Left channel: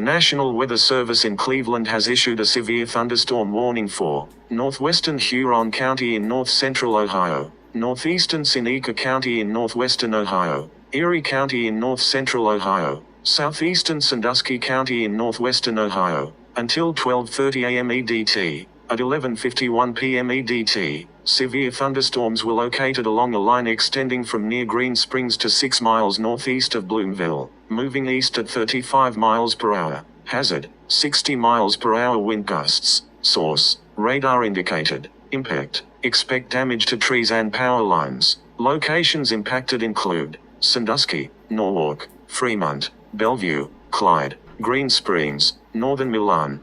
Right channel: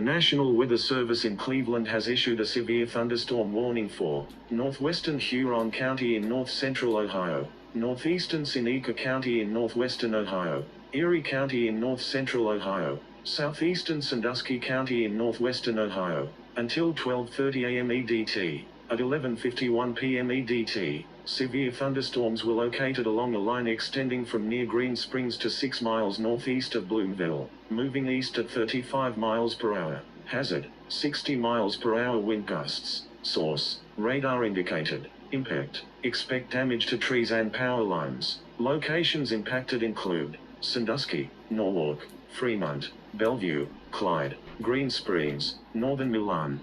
The National Weather Service in Cleveland has issued a severe thunderstorm warning for northwestern Huron County in north-central Ohio, northeastern Seneca County in northwestern Ohio, Erie County in north-central Ohio, southeastern Sandusky County in northwestern Ohio, until 12:30 a.m. EDT. At 11:51 p.m. EDT, severe thunderstorms were located along a line extending from near Green Springs to 6 miles northeast of Bloomville, moving east at 35 miles per hour. Hazard, 60 miles per hour wind gusts. Source, radar indicated. Impact, expect damage to trees and power lines. Locations impacted include Sandusky, Norwalk, Fremont, Bellevue, Clyde, Green Springs, Northern Milan,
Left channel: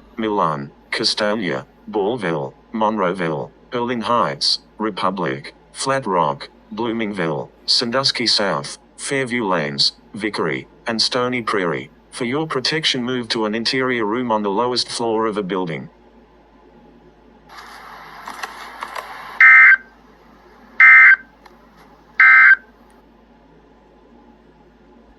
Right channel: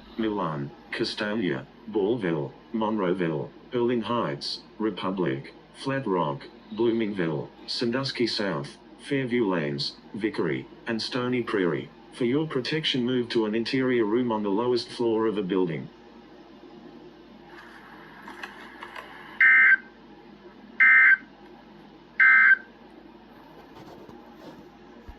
Castalia, Ballville, Monroeville, Berlin Heights, Republic, Flat Rock, Bloomingville, Sandusky South, Fairview Lanes, Vickery, and Stony Prairie. For your protection, move to an interior room on the lowest floor of a building.